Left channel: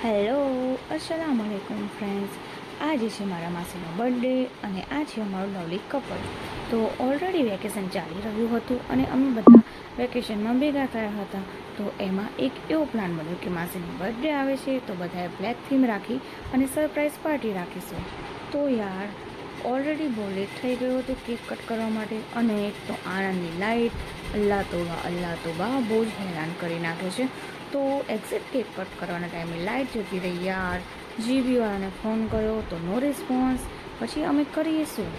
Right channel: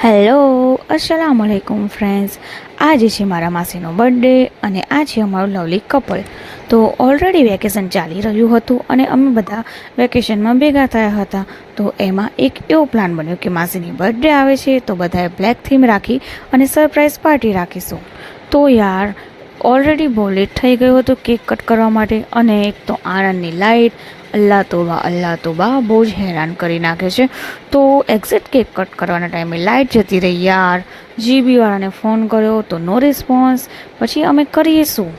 Hello, અસલામ વાલેકુમ friends. આજે છે મારા માસીનો બર્થડે અને આ છે અમારું લવલી કપલ. તો ઓલરેડી વેકેશન ચાલી રહ્યું હતું અને અમે બધા વેકેશનમાં ભેગા થયા હતા. તો એમાં એક એવો પ્લાન બન્યો કે માસીની બર્થડે આવે છે તો બધાએ બ્લેક થીમ રાખી અને સરપ્રાઈઝ પાર્ટી રાખીશું. તો યાર ઓલરેડી બહુ લેટ થઈ ગયું હતું કેક કટ કરવા માટે અને એક તો આણંદની લાઇટ અલ્લાહ તોબા બહુ જ હેરાન કરી નાખે છે. તો એક્ઝેક્ટ કેક કટ કરવાના ટાઈમે લાઇટ જતી રહી યાર. જીબીવાળાને ફોન કર્યો તો નો રિસ્પોન્સ. પછી અમે કરીએ શું?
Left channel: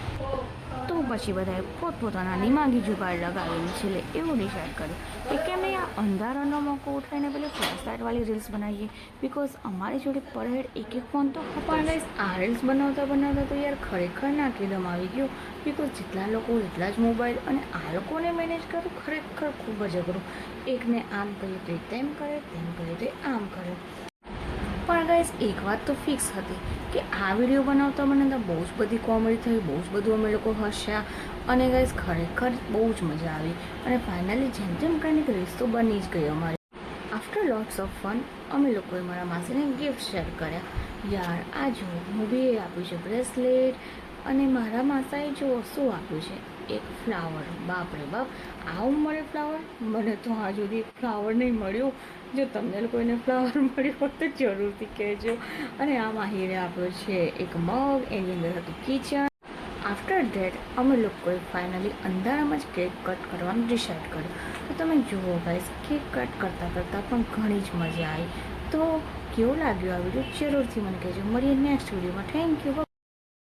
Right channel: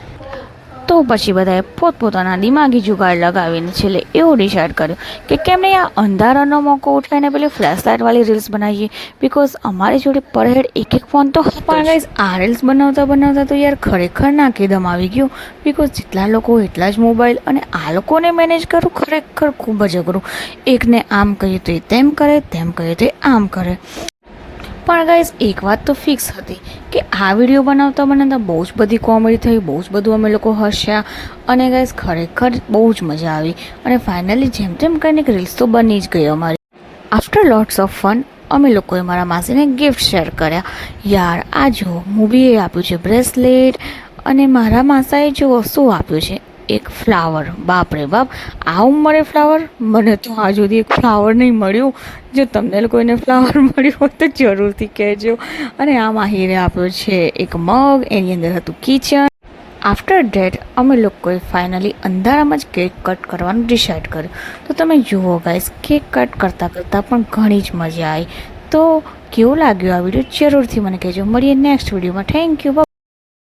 તો પછી બધાએ પોતપોતાના દિમાગી જુગાડ લગાવીને છેલ્લે એવું ડિસાઇડ કર્યું કે કેમ નહીં આ અંધારાનો મોકો ઉઠાવીને પેલી ફ્લેશ લાઇટવાળી રીલ્સ બનાવીએ. બિકોઝ અમારી જોડે પર હેડ એક ફોન તો હતો પણ ગાઈઝ આ રીલ્સ બનાવતા તો યાર ખરેખર નાકેદમ આવી ગયું. બિકોઝ જેટલા લોકો એટલા જ મોબાઈલ અને આ લોકોને મેનેજ કરવું ખરેખર ખૂબ જ અઘરું. એકને આમ કહીએ તો એ તેમ કરે, તેમ કહીએ તો એ આમ કરે. પણ ગાઈઝ એક વાત તો ફિક્સ હતી કે આ વિડીયો બનાવતા બહુ જ બધી કોમેડી થઈ, બહુ જ બધું અમે લોકો હસ્યા અને ગાઈઝ ખરેખર બહુ જ મજા આવી. અને ફાઇનલી જેમ તેમ કરીને રીલ્સ તો બની જ ગઈ અમારી. આફ્ટર લોટ્સ ઓફ ફન અમે લોકોએ મારા માસીને ગિફ્ટ શેર કર્યા. યાર આ જો મૂવીએ આપ્યું છે બ્રેસલેટ અને મારા માસાએ જો શું આપ્યું છે એક ફ્લાવર. બાપ રે બાપ, આ ઉંમરે ફ્લાવર! મને તો આ સુધી એક ફ્લાવર નહીં મળ્યું. જો તમને કોઈને ફ્લાવર મળ્યું હોય તો જરૂરથી કહેજો. અને આ માહીને આપ્યો છે એક મગ, એની અંદર હતું કિચન. આફ્ટર ડેટ અમે લોકોએ ફાઇનલી અંધારામાં જ કેક કટ કરવાનું ડિસાઇડ કર્યું. તો તમે જુઓ ગાઈસ, કેક કટ કરતાં પણ ઘણી જ મજા આવી. તો કેવું લાગ્યું આ વિડીયો જરૂરથી મને કહેજો. મળીએ નેક્સ્ટ વિડીયોમાં. Thank you.